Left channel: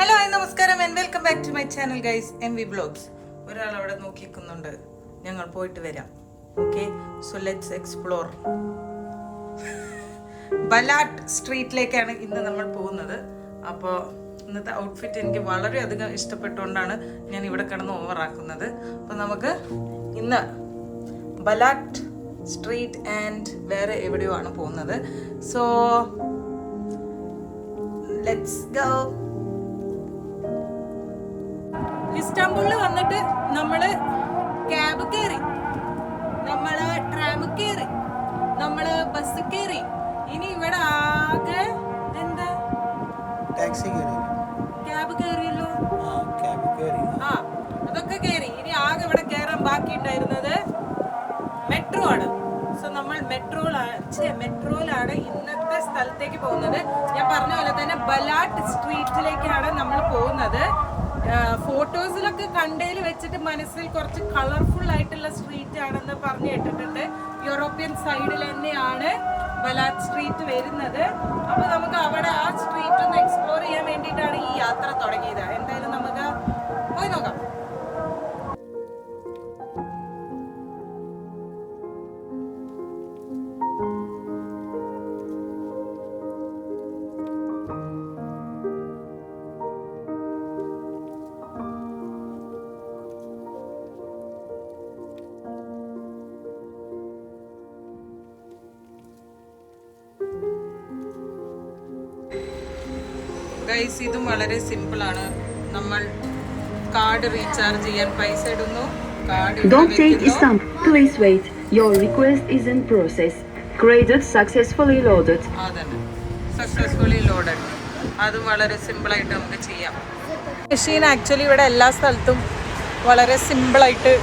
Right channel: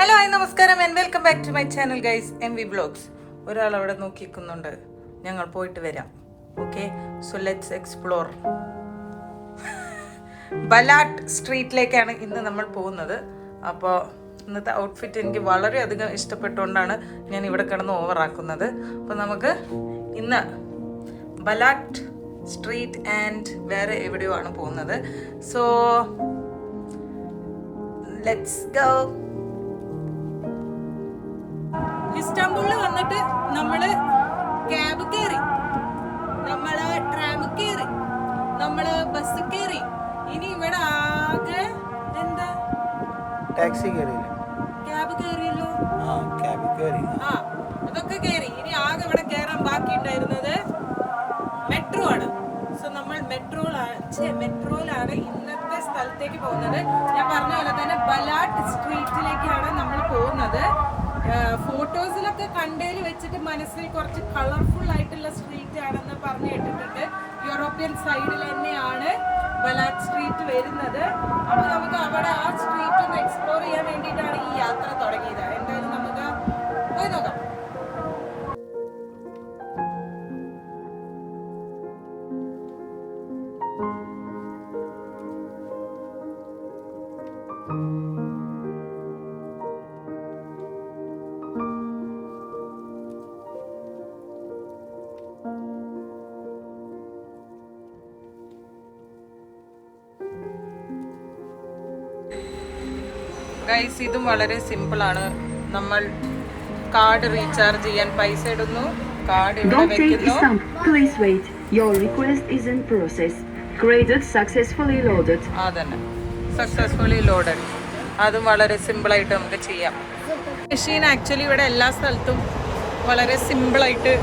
Hello hi നമസ്കാരം and welcome back to my channel guys MV vlogs. ഒരാൾ അവിടെ നോക്കിക്കുന്നുണ്ട്, ഞങ്ങൾ പോയിട്ട് വരാം. Okay, so let's explore. Balat സ്ട്രീറ്റിലേക്കാണ് ഇന്ന് നമ്മൾ പോകുന്നത്. അപ്പോൾ ഇന്നത്തെ ഔട്ട്ഫിറ്റ് എനിക്ക് വളരെയധികം ഇഷ്ടപ്പെട്ടുകൊണ്ടാണ് ഞാൻ ഇവിടെ കിടന്ന് ഓവറാക്കുന്നത്. അപ്പോൾ നമുക്ക് ഇന്ന് ബലാട്ട് സ്ട്രീറ്റ് ആൻഡ് വേറെ എവിടെയോ ആണ് പോകുന്നത്. So let's go. ഇസ്താംബുളിൽ വന്നിട്ട് നമ്മള് ക്യാബ് കയറി, നമ്മള് ട്രാം കയറി, നമ്മള് ബസ് കയറി. ഇനി ഇവിടെ ആകെ എന്താ ടാക്സി കയറി, ക്യാബ് കയറിയല്ലോ. ആ അതൊക്കെ കയറി. ഇനി ആകെ ഇവിടെ കയറാൻ ബാക്കി ഉണ്ടായിരുന്നത് മെട്രോ ആണ്. സോ നമ്മൾ മെട്രോയിലാണ് ഇന്നത്തെ സ്ഥലത്തേക്ക് പോകുന്നത്. ഞാൻ പറഞ്ഞ പോലെ തന്നെ ബലാട്ട് സ്ട്രീറ്റിലേക്കാണ് നമ്മൾ പോകുന്നത്. ഫോട്ടോസിലൊക്കെ കണ്ടതിൽ വെച്ചിട്ട് മനസ്സിൽ കുറച്ച് കളർഫുൾ ആയിട്ടുള്ള സ്ട്രീറ്റ് ആണെന്ന് പറഞ്ഞു കേട്ടിട്ടുണ്ട്. യൂറോപ്യൻ സൈഡിൽ തന്നെയാണ് ബലാട്ട് സ്ട്രീറ്റ് വരുന്നത്. അപ്പൊ നമുക്ക് അവിടെ ആ സ്ട്രീറ്റ് ഒന്ന് എക്സ്പ്ലോർ ചെയ്യാൻ വേണ്ടിയിട്ടാണ് ഈ യാത്ര തുടങ്ങിയത്. എന്തായാലും നമുക്ക് പോയി നോക്കാം. ഗൈസ്, ഇതും വളരെ സിമ്പിൾ ആണ്. നമ്മൾ കാർഡ് റീചാർജ് ചെയ്യാൻ പൈസ ഇടുന്നു, card Don't take Islam. Please wait. Your request is in process. Credit successfully loaded. അതന്നെ, സക്സസ്ഫുള്ളി ലോഡഡ്. അതും വളരെ സിമ്പിൾ ആയിട്ട് നമുക്ക് ചെയ്യാം. മെഷീൻ ആക്ച്വലി ഇവിടെ എല്ലാ സ്ഥലത്തും വളരെ സിമ്പിളായിട്ട്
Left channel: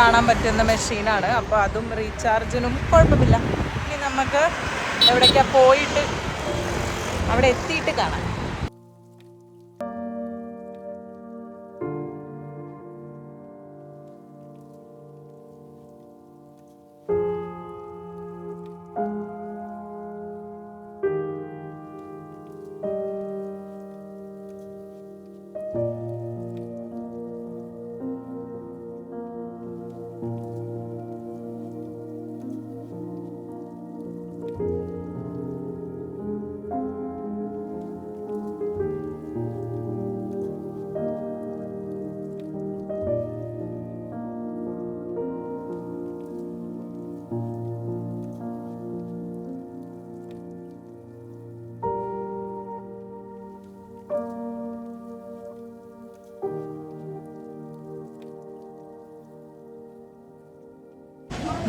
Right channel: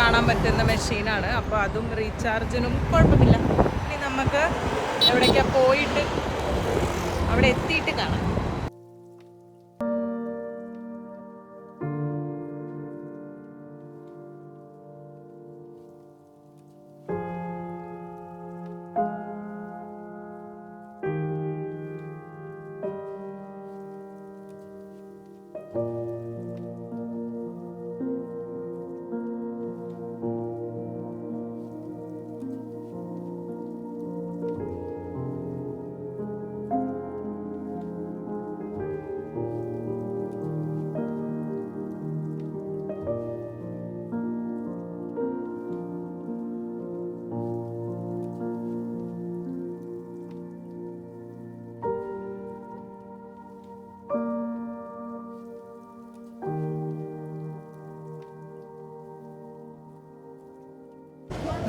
കാണാൻ പറ്റുന്ന മെഷീനാണ്. അപ്പോൾ അതും റീചാർജിനും കുഴപ്പമില്ല. ഇനി നമുക്ക് എവിടേക്കാണ് പോയിട്ട് അവിടെ എത്തിയിട്ട് കാണാം.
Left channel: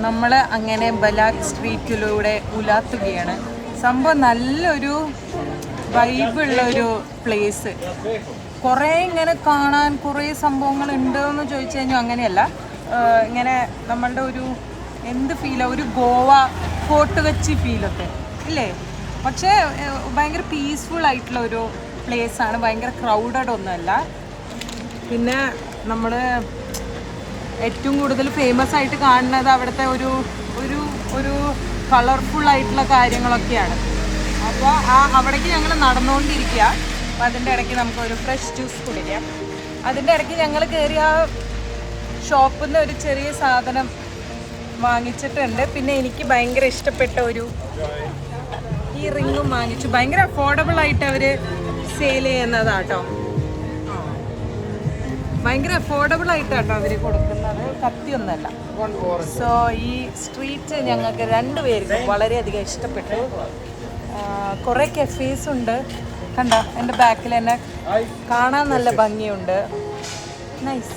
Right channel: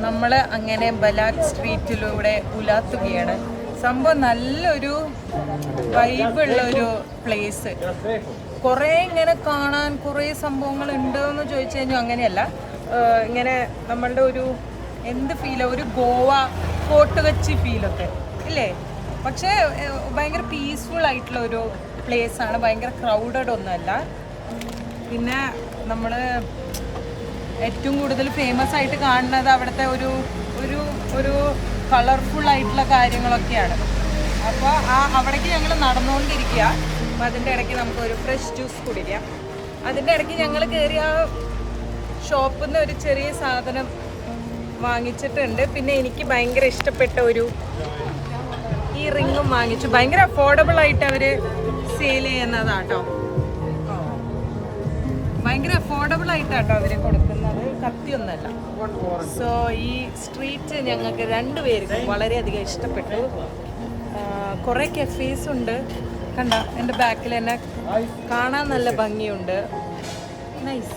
നമ്മൾ അങ്ങനെ ബലാട്ട് സ്ട്രീറ്റിലൂടെ ഉലാത്തുകയാണ്. സംഭവം നല്ലൊരു വൈബുള്ളൊരു പ്ലേസ്. കുറേ ഇങ്ങനെ കാണാൻ കുറേ സംഭവങ്ങൾ ഉണ്ടോയെന്ന് ചോദിച്ചു കഴിഞ്ഞാൽ അങ്ങനെയല്ല. ഇങ്ങനെ നമ്മളുടെ ഒരു എന്ത് ഫീലാണ്, ഒരു ഗോവ ഫോർട്ട് കൊച്ചി ഫീലൊക്കെ ഇല്ലേ. പക്ഷേ ഭയങ്കര പീസ്ഫുൾ ആയിട്ടുള്ള ഒരു പ്ലേസാണ്. ഭയങ്കര ക്രൗഡഡ് ഒന്നുമല്ല. പിന്നെ നമ്മൾ ഏറ്റവും കൂടുതൽ ഫേമസ് ആയിട്ട് കാണുന്നത് അവിടുത്തെ ഒരു ഒരു ഒരു കളർഫുൾ ആയിട്ടുള്ള കാര്യങ്ങളൊക്കെയാണ്. അപ്പോൾ അവിടേക്ക് ഞങ്ങൾ നടന്നുകൊണ്ടിരിക്കുക. അപ്പോൾ അതിൻ്റെ ഇടയ്ക്ക് നമുക്ക് ഒരു ഫ്രഷ് ജ്യൂസ് കുടിക്കാം. അതിൻ്റെ ഇടയ്ക്ക് ഞങ്ങൾ കയറി ആ ഷോപ്പിൽ നിന്ന് ഒരു ചെറിയ സാധനം വാങ്ങിച്ചിട്ടുണ്ട്. പിന്നെ എനിക്ക് ഭയങ്കര ഇഷ്ടപ്പെട്ട ഒരു ഈ റിങ്ങും വാങ്ങിച്ചു. ഭയങ്കര അഫോർഡബിൾ ആയിട്ട് അവർ സെയിൽ ചെയ്യുന്നതാട്ടോ. ഭയങ്കര അഫോർഡബിൾ ആയിട്ടാട്ടോ അവർ കൊടുക്കുന്നത്, കത്തിയൊന്നല്ല. സോ ഈ സ്ട്രീറ്റ് ഞങ്ങൾക്ക് രണ്ടുപേർക്കും വളരെയധികം ഇഷ്ടപ്പെട്ടു. കുറേ കഫേസ് ഉണ്ട്. കണ്ട, എൻ്റെ ബാക്കിൽ തന്നെ കാണാൻ നല്ല ഭംഗിയുണ്ട്. നൈസ്.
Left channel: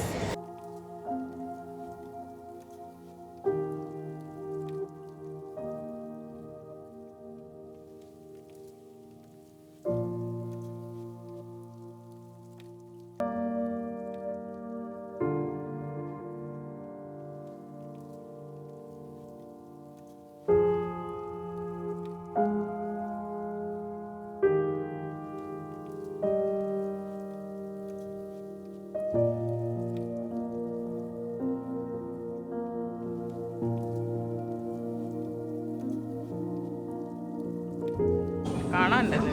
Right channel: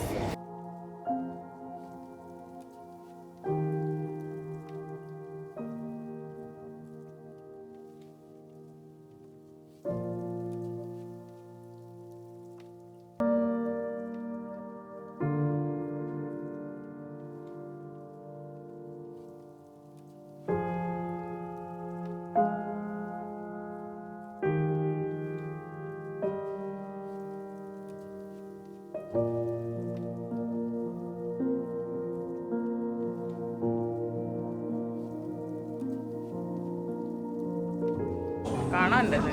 കാണാനുണ്ട്.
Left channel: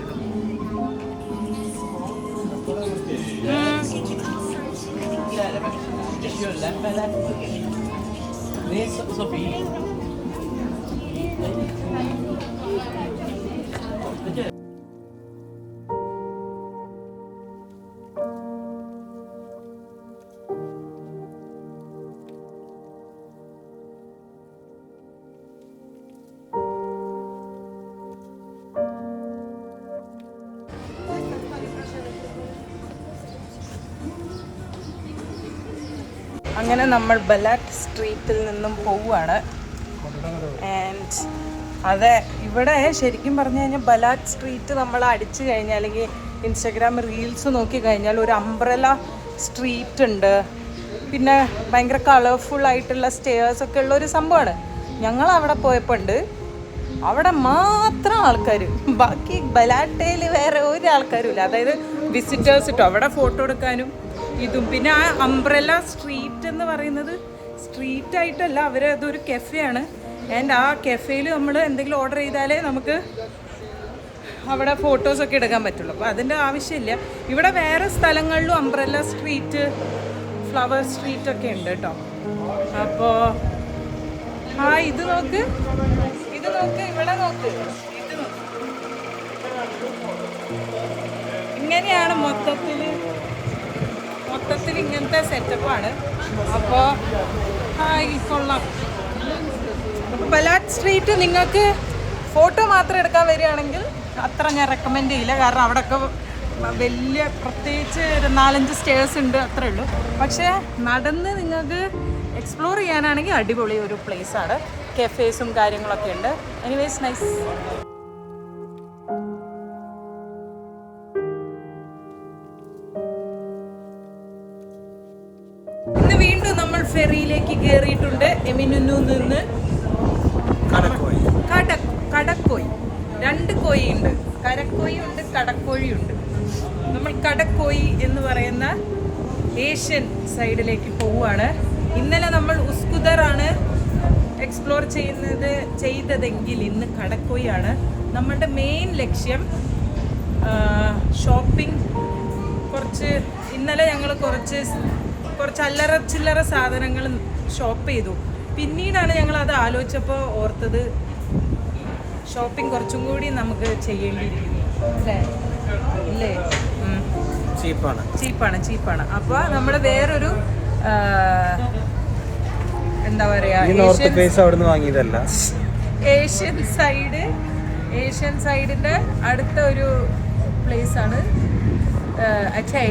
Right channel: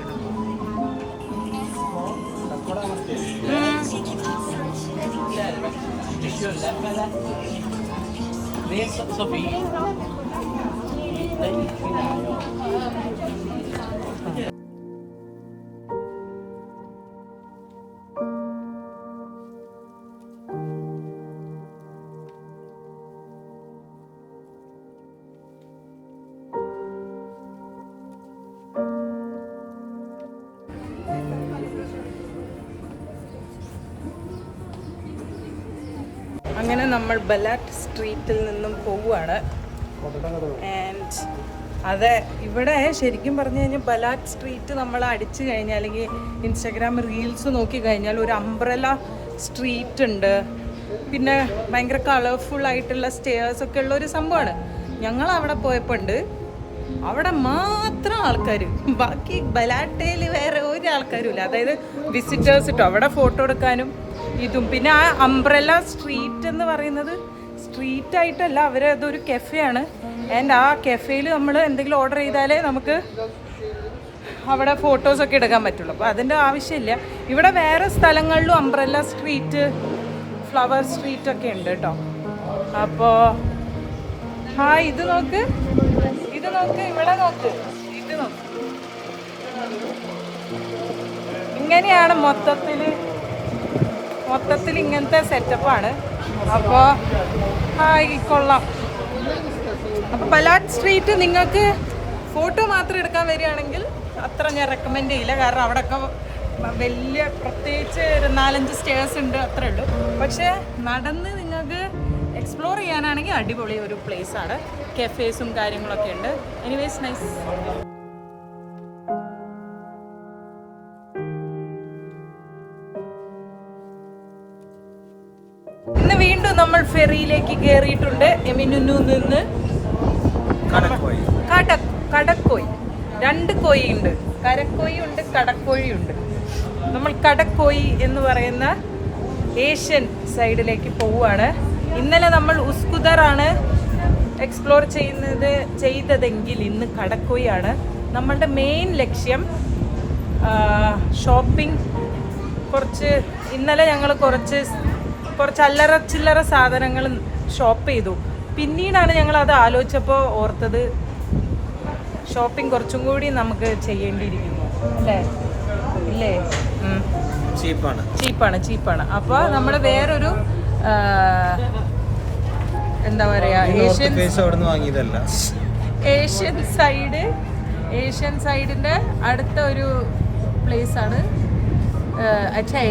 അങ്ങനെ നമ്മൾ ബലാറ്റ് സ്ട്രീറ്റിൽ നിന്നും പോവുകയാണ്. ആൻഡ് അതെ, ഇവിടെ ശരിക്കും പറഞ്ഞു കഴിഞ്ഞാൽ ബലാറ്റ് സ്ട്രീറ്റ് നമ്മൾ അടിച്ചു കഴിഞ്ഞാൽ അല്ലെങ്കിൽ ഇൻസ്റ്റഗ്രാം റീൽസ് നോക്കി കഴിഞ്ഞാൽ ഒരു അംബ്രല സ്ട്രീറ്റ് ഉണ്ട്, പിന്നെ ഭയങ്കര കളർഫുൾ ആയിട്ടുള്ള സ്റ്റെയർസ് ഒക്കെ ഉള്ള ഒരു സംഭവമാണ്. ഞങ്ങൾ അവിടെ പോയപ്പോൾ ഉണ്ട്, അവിടെ മാത്രം ആൾക്കാർ, ബാക്കി ബലാട്ടയിൽ വേറെ ഒരു ആൾക്കാരും ഇല്ല. അതായത് വിസിറ്റേഴ്സ് ഇട്ടോ അവിടെ ഫോട്ടോ എടുക്കാനും ഇതും. പിന്നെ ആ അംബ്രല സ്ട്രീറ്റ് എന്ന് പറയുന്നത് സ്ട്രീറ്റ് ആയിട്ടല്ല, അതൊരു കെഫെയാണ്. ആൻഡ് ആ കെഫേയിൽ നമ്മൾ എന്തെങ്കിലും ഓർഡർ ചെയ്താലേ നമുക്ക് അവിടെ ഫോട്ടോസൊക്കെ എടുക്കാൻ പറ്റുള്ളൂ. അപ്പോൾ അതിൻ്റെ ആവശ്യമില്ല. ഇവിടെ വേറെ സ്ഥലങ്ങളിലും അംബ്രല സ്ട്രീറ്റ്, ഫ്ലവർ സ്ട്രീറ്റ് ഒക്കെ ഉണ്ട് കേട്ടോ. അപ്പോൾ ഇത് നോക്ക്, ഇത് നോക്ക്, ഇവിടെ നോക്ക്, ഇത് നോക്ക്. ഇങ്ങനെയാണ് മൊത്തത്തിൽ ഇങ്ങനത്തെ സെറ്റപ്പാണ്. അപ്പോൾ കൊള്ളാം. അപ്പോൾ ബലാറ്റ് സ്ട്രീറ്റ് നിങ്ങൾക്ക് ഫോട്ടോ മാത്രം എടുക്കാൻ വരികയാണെങ്കിൽ അത്ര ഞാൻ റെക്കമെൻഡ് ചെയ്യില്ല. കാരണം അവിടെയൊക്കെ വലിയ പ്രത്യേകിച്ച് 4-5 സ്റ്റേഴ്സ് ഉണ്ട്, അത്രേ ഉള്ളൂ. പക്ഷേ നടന്ന് നിങ്ങൾക്ക് എക്സ്പ്ലോർ ചെയ്യാനാണെങ്കിൽ അടിപൊളി ഒരു പ്ലേസാണ്. കഫേസും കാര്യങ്ങളൊക്കെ ഉണ്ട്. Anyways nice. ഇന്ന് വീണ്ടും നമ്മൾ ഫെറിയിലേക്ക് കയറിയിട്ടുണ്ട്. എമിനുന്നു നിന്ന് കടക്കോയി, 2 കോയി ഉണ്ട്, കരക്കോയി ഉണ്ട്, കടക്കോഴി ഉണ്ട്. നമ്മൾ കടക്കോയി എന്ന് പറയുന്ന ഏഷ്യൻ സൈഡിലേക്ക് പോവുകയാണ്. ഇന്നലെ നമ്മൾ ഉസ്കുദറാണ് എക്സ്പ്ലോർ ചെയ്തതെങ്കിൽ ഇന്ന് കടക്കോയാണ് നമ്മളുടെ മെയിൻ ലക്ഷ്യം. ഷോപ്പിംഗ് ഇന്നലെ ഞങ്ങൾ കുറച്ച് അല്ലറ ചില്ലറ സാധനങ്ങൾ ഷോപ്പ് ചെയ്തു. പിന്നീടാണ് ഞങ്ങൾ അത് ആലോചിച്ചപ്പോൾ ഓർത്തത് ഷോപ്പിംഗ് കുറച്ചും കൂടി നമുക്ക് ചെയ്യേണ്ടിയിരിക്കുന്നു, അല്ലേ? ചീപ്പാണ്. അപ്പോൾ നമ്മൾ വേറൊരു എന്താ പറയാ, ഏഷ്യൻ സൈഡിന്റെ അടുത്ത ഒരു പ്ലേസ് ആണ്.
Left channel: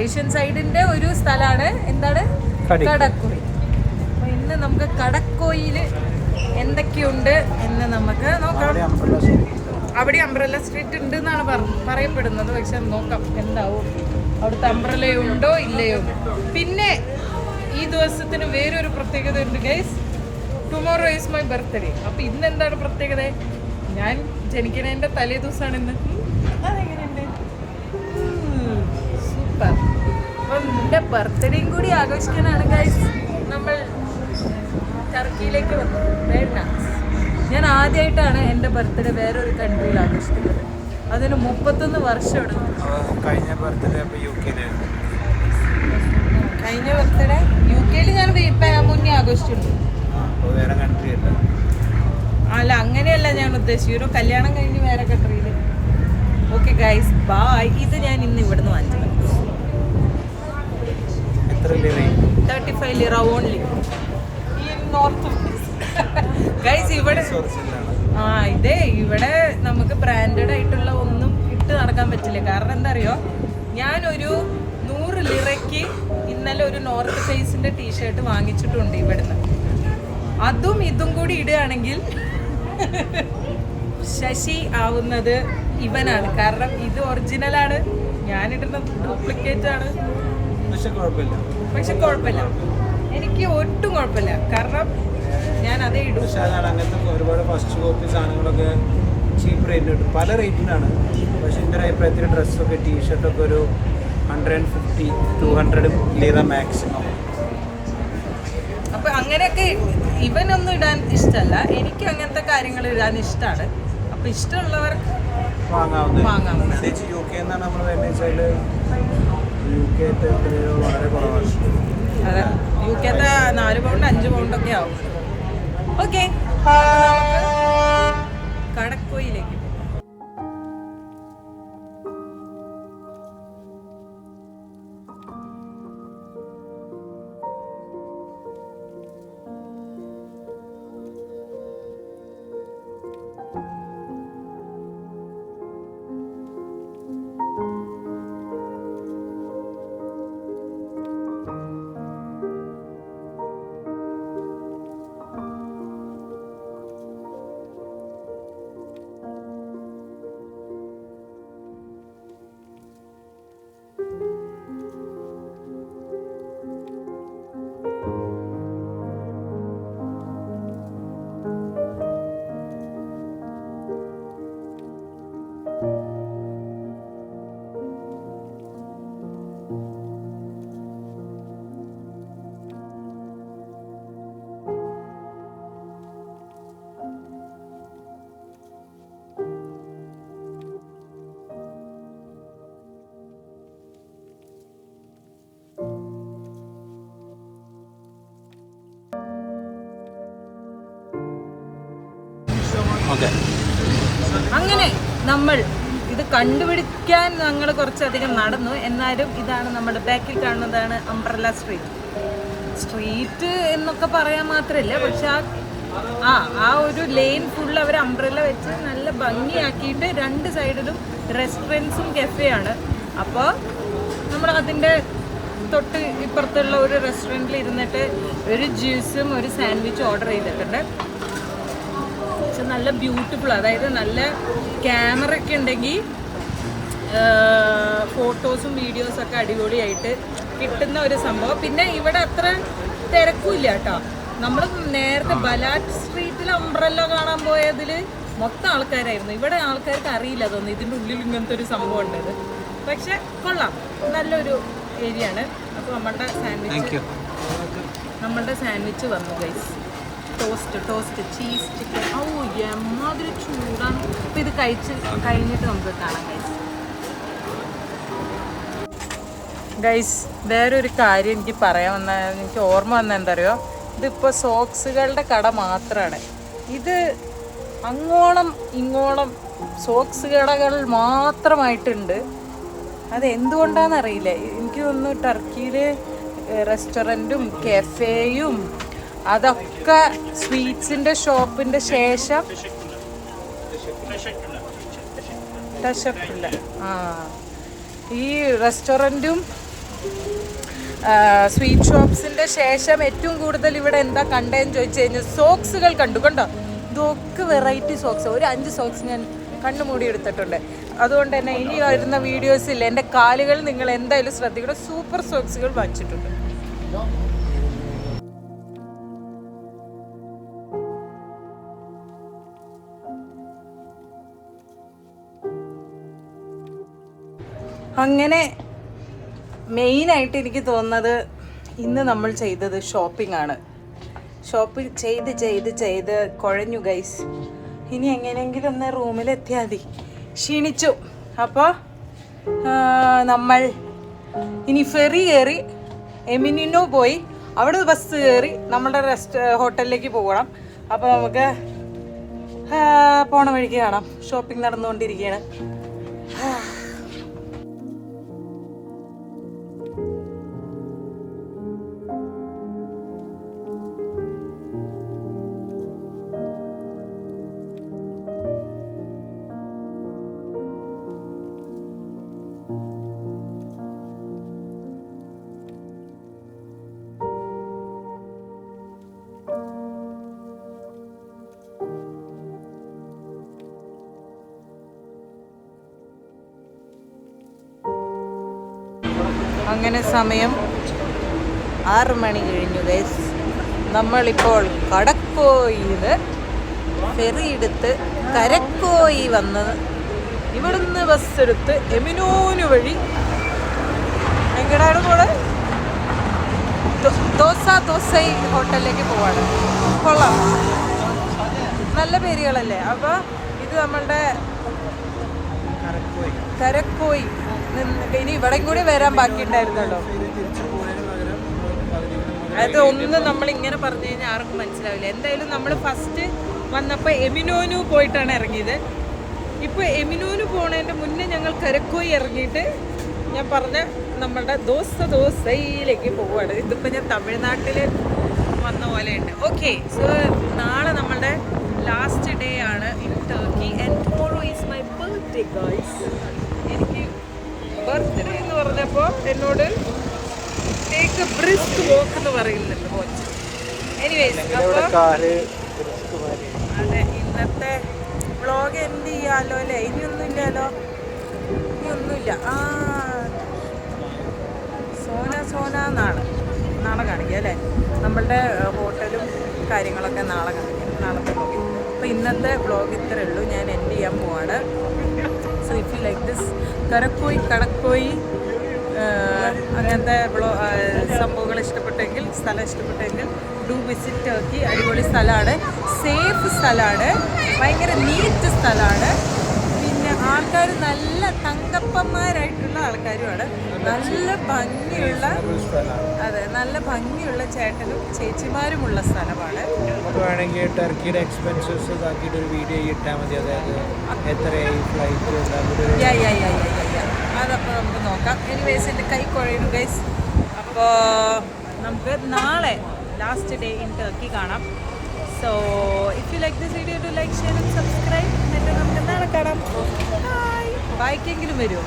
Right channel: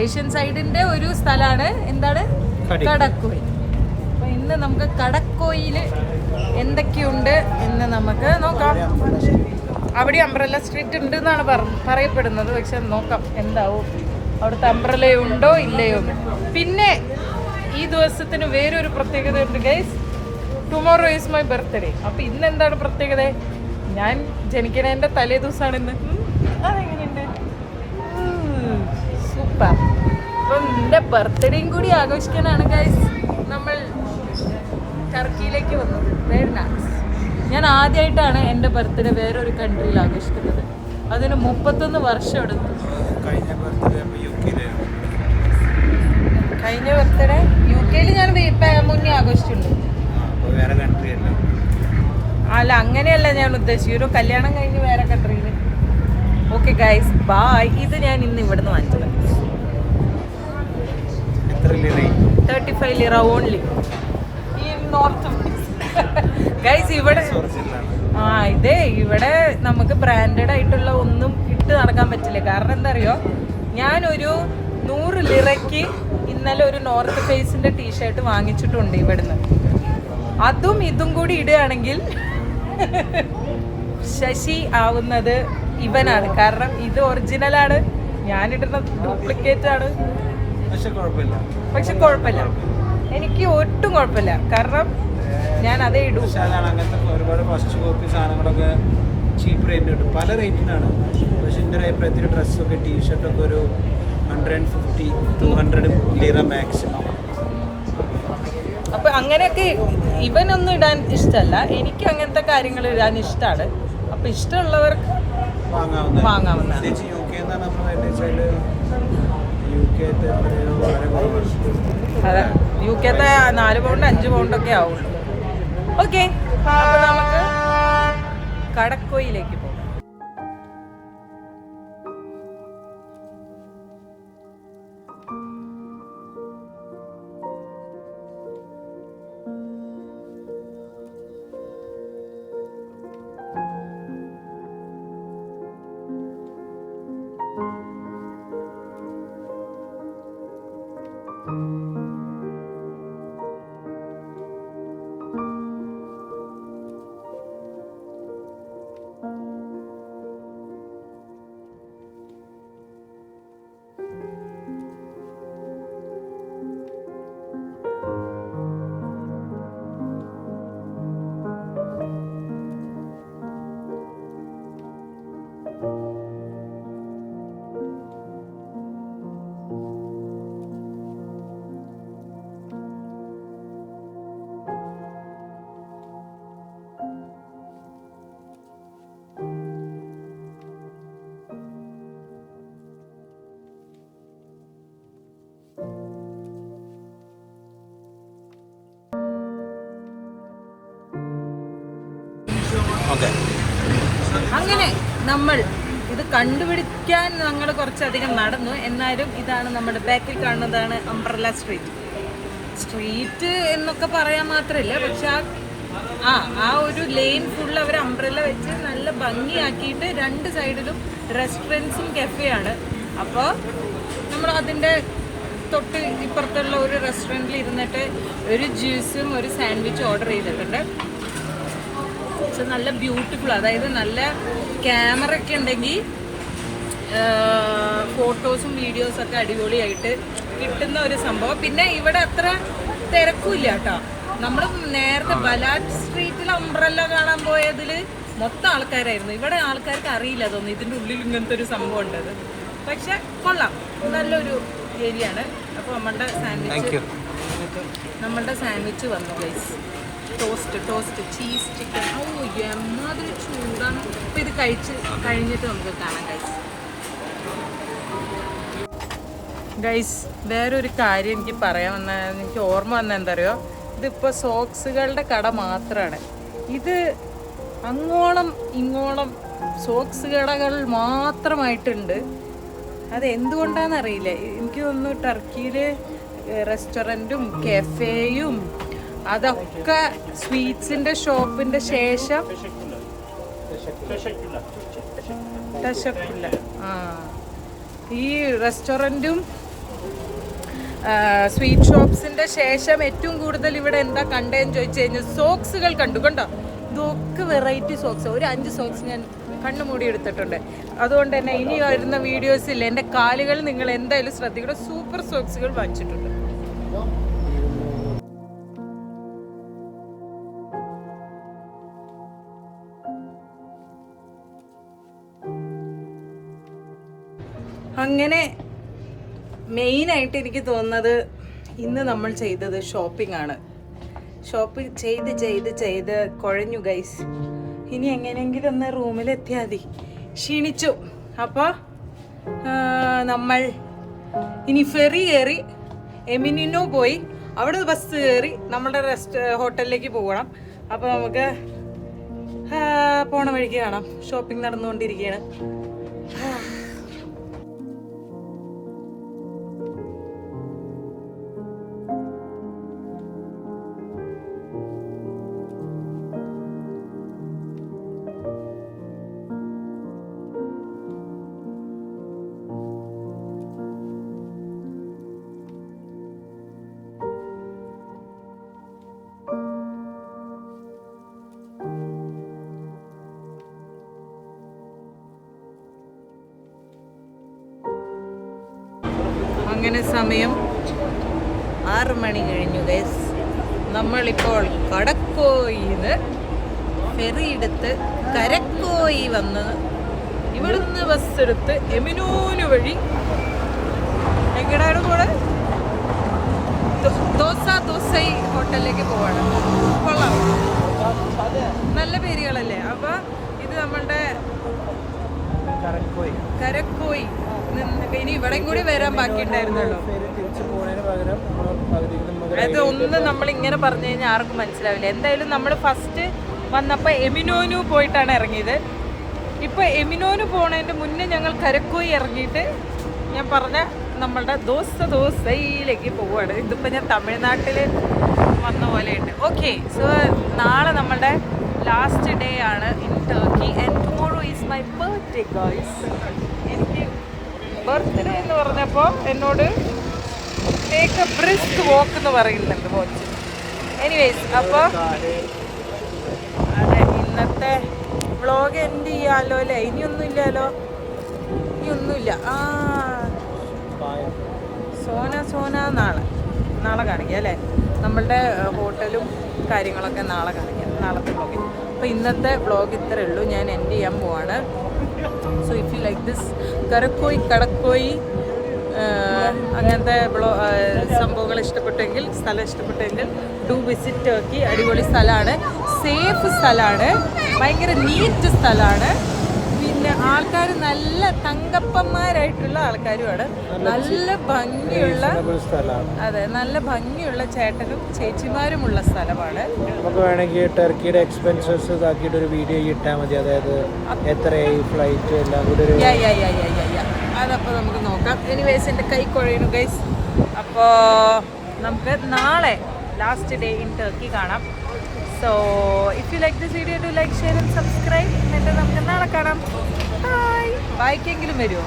ഏഷ്യൻ സൈഡിന്റെ ഒരു സ്ഥലമാണ് എന്താണ്, കടക്കോയി. അപ്പൊ ഇന്ന് നമുക്ക് കടക്കോയിൽ എന്തൊക്കെയുണ്ട് എന്ന് നമുക്ക് നോക്കാം. അവിടെ അംബ്രല്ല സ്ട്രീറ്റ് ഉണ്ട് എന്നാണ് പറയപ്പെടുന്നത്. പക്ഷെ നോക്കാം എന്താവും, അവിടുത്തെ അംബ്രല്ല ഉണ്ടോ ഇല്ലയോ. പിന്നെ ഈ ദിവസത്തിന് വേറൊരു പ്രത്യേകത ഉണ്ട് guys. Tomorrow is my birthday. അപ്പൊ ഇന്ന് എന്താണ് പ്രത്യേകത? ഞാൻ ജനിക്കണേന്റെ തലേ ദിവസമാണ് ഇന്ന്. അതെങ്ങനെയുണ്ട്? സൂപ്പർ. അപ്പം എൻ്റെ ബർത്ത്ഡേയും കൂടി ആഘോഷിക്കാനാണ് ഗൈസ് നമ്മൾ ടർക്കിയിലേക്ക് വന്നത്. Very nice. ഞാൻ ആദ്യമായിട്ടാണ് എൻ്റെ ബർത്ത്ഡേ വേറൊരു കൺട്രിയിൽ ആഘോഷിക്കുന്നത്. അതിന് 31 വർഷം എടുത്തു. കഴിഞ്ഞ ബർത്ത്ഡേ UK ഞാൻ മുന്നേ ആഘോഷിച്ചിട്ടുണ്ട്. അല്ല, അങ്ങനെയല്ല ഞാൻ ഉദ്ദേശിച്ചത്. ഒരു കല്യാണം കഴിഞ്ഞ് വേറെ കൺട്രിയിൽ. Okay guys, by. ഇത് ഞാൻ ഇന്ന് ഇവിടുന്ന് വാങ്ങിച്ചത്. 35 ലിറ ഓൺലി ഈ നോർത്ത് ഗൈസ്. ഇവിടെ ഇവിടെ നമുക്ക് ബ്രാൻഡഡ് ആയിട്ടുള്ള ഒന്നും ഇട്ട് നടക്കാൻ പറ്റില്ല. കാരണം എന്താ അറിയോ, ഞാനൊരു 100 ലിറയ്ക്ക് ഇന്നലെ ഒരു നോർത്ത് ഫേസിന്റെ ടീഷർട്ട് വാങ്ങിച്ചിട്ടുണ്ട് ഇവിടുന്ന്. അതും ഇതും കൂടി ഇടുകയാണെങ്കിൽ ശശി ആവുന്നത് ഇവനാണ്. കാരണം ഇത് ഒറിജിനലാണ്, ഞാനിടുന്ന ഡ്യൂപ്ലിക്കേറ്റ് ആണ്. പക്ഷെ കുഴപ്പമില്ല, എനിക്ക് ഒട്ടും കുഴപ്പമില്ല. കാരണം ഞാൻ അതേ ഇടും. പക്ഷെ അതാണ്, അങ്ങനത്തെ ഒരുപാട് ഫസ്റ്റ് കോപ്പി സാധനങ്ങളൊക്കെ ചീപ്പ് റേറ്റിന് കിട്ടും, പല റേറ്റിനാണ്. പക്ഷെ എൻ്റെ ഒരു അഭിപ്രായത്തിൽ ഡ്രസ്സൊക്കെ ടീഷർട്ടൊക്കെ ഒരു 150-200 ലിറ മാക്സിമം. അപ്പൊ അങ്ങനെയൊക്കെ ഇവനൊന്നും ഇടാൻ ഇഷ്ടമല്ല, എനിക്ക് അങ്ങനത്തെ കാര്യങ്ങൾ ഇടാൻ ഇഷ്ടമാണ്. അപ്പൊ ഇഷ്ടമുള്ളവർക്ക് വാങ്ങാവുന്നതാണ്. UK എന്നാണ് നമ്മൾ വരുന്നത് വെച്ചാൽ UK എത്രയോ വളരെ കുറവാണ്. അതെ, UK 4 പൗണ്ട് 5 പൗണ്ടൊക്കെ ആവുള്ളൂ. ഓക്കെ, അപ്പോൾ നമുക്ക് കടക്കോയിലേക്ക് പോകാം. ഓക്കെ, അങ്ങനെ നമ്മൾ ഇത് കണ്ടുപിടിക്കാൻ ഞങ്ങൾ കുറച്ചധികം നടന്നു. എന്നാലും ഇതാണ് നമ്മുടെ ബാക്കിൽ കാണുന്നതാണ് അംബ്രല്ല സ്ട്രീറ്റ് എന്നൊക്കെ പറയാൻ മാത്രമില്ല, പക്ഷെ ആ ഒരു ലെയിൻ ഫുള്ള് അവർ അംബ്രല്ല വെച്ച് നല്ല ഭംഗിയാക്കിയിട്ട് 2 സൈഡിലും റെസ്റ്റോറൻറ്റ്സും കഫേയാണ്. അപ്പോൾ നമ്മൾ അതിൻ്റെ തൊട്ട് ഇപ്പുറത്തുള്ള ഒരു റെസ്റ്റോറൻറ്റിൽ ഇരുന്നിട്ട് ഒരു ജ്യൂസും ഒരു സാൻഡ്വിച്ചും ഓർഡർ ചെയ്തിട്ടുണ്ട്. പക്ഷെ നല്ല ബ്യൂട്ടിഫുൾ, അതായത് നല്ല ക്യാമറ ഒക്കെ ഉണ്ടെങ്കിൽ ഫോട്ടോസും വീഡിയോസൊക്കെ അടിപൊളിയായിട്ട് കിട്ടുന്ന ഒരു സംഭവം. പിന്നെ ഇവിടെ അത്ര തിരക്കില്ല കേട്ടോ. നമ്മൾ നേരത്തെ ബലാറ്റ് സ്ട്രീറ്റിൽ അംബ്രല്ല കാണാൻ പോയതിൽ മൊത്തം ആൾക്കാരായിരുന്നു. ഇവിടെ ആൾക്കാർക്ക് അറിയില്ല തോന്നുന്നു ഇതിൻ്റെ ഉള്ളിൽ ഇങ്ങനത്തെ ഒരു സംഭവം ഉണ്ടത്. പക്ഷെ കൊള്ളാം, നല്ലൊരു ഏരിയ ആണ്. അപ്പോൾ നമ്മളുടെ സാൻഡ്വിച്ച് വന്നു ഗൈസ്. Toast cheese chicken. ഓ എമ്മാതിരി ചൂടാണ്. അപ്പോൾ ഇത് കഴിഞ്ഞിട്ട് നമുക്ക് കാണാം ഗൈസ്. വേറൊരു കാര്യം എനിക്ക് എനിക്ക് ഓർമ്മ വന്ന എന്താ അറിയോ, ഇതിപ്പോൾ സോക്സുകളുടെ കട മാത്രമാണ്. ഇത് അങ്ങോളം ഇങ്ങോളം സോക്സ് കടകൾ മാത്രമായിട്ടുണ്ട്. അത് എന്തുകൊണ്ടാണെന്നറിയില്ല. എനിക്ക് തോന്നുന്നു ടർക്കിയിൽ റെസ്റ്റോറൻറ്റും കഫേയും അതൊക്കെ സ്വീറ്റ്സിൻ്റെ ഷോപ്പിൻ്റെ ശേഷം ഈ റെസ്റ്റോറൻറ്റും സ്വീറ്റ് ഷോപ്സിൻ്റെ ശേഷം ഏറ്റവും കൂടുതൽ ഇവിടെ എന്താ കണ്ടതെന്ന് ചോദിച്ചു കഴിഞ്ഞാൽ സോക്സുകൾ കണ്ടോ. ഇതൊക്കെ വെറൈറ്റി സോക്സ്. ഒരു 5 സോക്സ് ഞാൻ കണ്ണുമൂടി എടുത്തിട്ടുണ്ട്. അതുകൊണ്ട് തന്നെ ഇനി വരുന്ന വീഡിയോസിൽ എൻ്റെ കാലുകൾ നിങ്ങൾ എന്തായാലും ശ്രദ്ധിക്കണം. സൂപ്പർ സോക്സുകൾ വാങ്ങിച്ചിട്ടുണ്ട്. അങ്ങനെ മെയിനായിട്ട് എനിക്ക് തോന്നുന്നത് ഇന്ന് നമ്മൾ ചെയ്തത് ഷോപ്പിംഗ് ആണ്. ഷോപ്പിംഗ് ചെയ്ത് കുഴഞ്ഞു ഗൈസ്. ഇനി എങ്ങനെയെങ്കിലും ഒന്ന് റൂമിലെത്തിയാൽ മതി. ക്ഷീണിച്ചു. അപ്പോൾ നമ്മൾ ഇനി ഫെറി കയറി എമിനിനോ പോയി അവിടെ ബസ് കയറി നമ്മളുടെ ഹോട്ടലിലേക്ക് പോകണം. അപ്പോൾ നമുക്ക് പോണ വഴിക്ക് കാണാം. ഷോപ്പിംഗ് നടന്നുകൊണ്ടിരിക്കുകയാണ്. അങ്ങനെ സമയം 6 മണി കഴിഞ്ഞു ഗൈസ്. നമ്മളിപ്പോൾ കടക്കോയിന്ന് ഫെറി എടുത്ത് കരക്കോയി വന്ന് ഇവിടുന്ന് ബസ് എടുത്ത് എമിനോന് വഴി എങ്ങടാണ് പോണെ? ദോസൈ ഹോട്ടലിലേക്ക് പോവാണ്. കൊള്ളാം, നല്ല പേരുകളല്ലേ. അപ്പോൾ ഇത് നമ്മളുടെ കരക്കോയി ഇനി ഇവിടെയും കൂടി വരാൻ ബാക്കിയുണ്ടായിരുന്നല്ലോ. അത് ഒന്നും നമ്മൾ ഇങ്ങനെ പറഞ്ഞു കഴിഞ്ഞാൽ ആർക്കും മനസ്സിലാവില്ല. എന്തായാലും നമ്മൾ ഫസ്റ്റ് വന്നപ്പോൾ എമിനോനു പോയിട്ടാണ് ഇറങ്ങിയത്. ഇപ്പോൾ എമിനോന് പോണതിൻ്റെ മുന്നേ ഞങ്ങൾ കരക്കോയി ഇറങ്ങിയിട്ട് ഞാൻ പറഞ്ഞ നമ്മളുടെ ദോസയിലേക്ക് പോവുകയാണ്. ഇതിപ്പോൾ ഞാൻ തമിഴ്നാട്ടിൽ വന്ന പോലെയുണ്ട്. ഓക്കെ, സോ നാളെ നമ്മളുടെ ലാസ്റ്റ് ഡേ ആണ് in Turkey and tomorrow is my birthday guys. എനിക്ക് ബർത്ത്ഡേ എന്ന് പറഞ്ഞപ്പോൾ എന്നോട് ടേക്ക് എ ബ്രിസ്ക് വോക്ക് എന്ന് പറയുന്നുണ്ട് കോച്ച്. എനിവേസ്, അപ്പോൾ അതെ, ഇന്നത്തെ വ്ളോഗ് എൻഡ് ചെയ്യാമല്ലോ അല്ലേ? ഇനിയൊന്നുമില്ലല്ലോ, ഇനിയൊന്നുമില്ല. സോന നാളെ കാണിക്കാം അല്ലേ? നമ്മളുടെ ഹോട്ടലും കാര്യങ്ങളൊക്കെ നാളെ കാണിക്കാം, നാളത്തെ വ്ളോഗിൽ. അപ്പോൾ ഇന്നത്തെ വ്ളോഗ് ഇത്രയേ ഉള്ളൂ, ഞാൻ എൻഡ് ചെയ്യാൻ പോവാണ്. So if you like this കടക്കോയി അങ്ങനത്തെ സംഭവങ്ങൾ ഇഷ്ടപ്പെട്ടെങ്കിൽ, സ്ഥലം ഇഷ്ടപ്പെട്ടെങ്കിൽ ഡു വിസിറ്റ് ടർക്കി. അടിപൊളി സ്ഥലമാണ്, സേഫ് സ്ഥലമാണ്, ഭയങ്കര നീറ്റ് സ്ഥലമാണ്. പിന്നെ ആൾക്കാർ നല്ല തങ്കപ്പന്മാരായിട്ടുള്ള ആൾക്കാരുമാണ്. നല്ല ഭംഗിയുള്ള, അതെ, നല്ല ഭംഗിയുള്ള ചേട്ടനും ചേച്ചിമാരുമുള്ള സ്ഥലമാണ്. നമുക്ക് വേണമെങ്കിൽ ടർക്കിയുടെ എക്സ്പെൻസസ് ഇതാക്കിയിട്ട് ഒരു വീഡിയോ ഇട്ടാൽ മതി. അതായത് എത്രയായി ഫ്ലൈറ്റ് എല്ലാം കൂടി. അതപ്പോൾ നമുക്ക് നോക്കാം. എനിവേസ്, എൻ്റെ കൈ കുഴയുന്നു ഗൈസ്. അപ്പോൾ നമുക്ക് നാളെ ലാസ്റ്റ് ഡേ ഇൻ ടർക്കി കാണാം. So if you like this video, do like, share and subscribe. എന്നിട്ട് നമുക്ക് നാളെ കാണാം. ബൈക്കെങ്കിലും വരുമോ?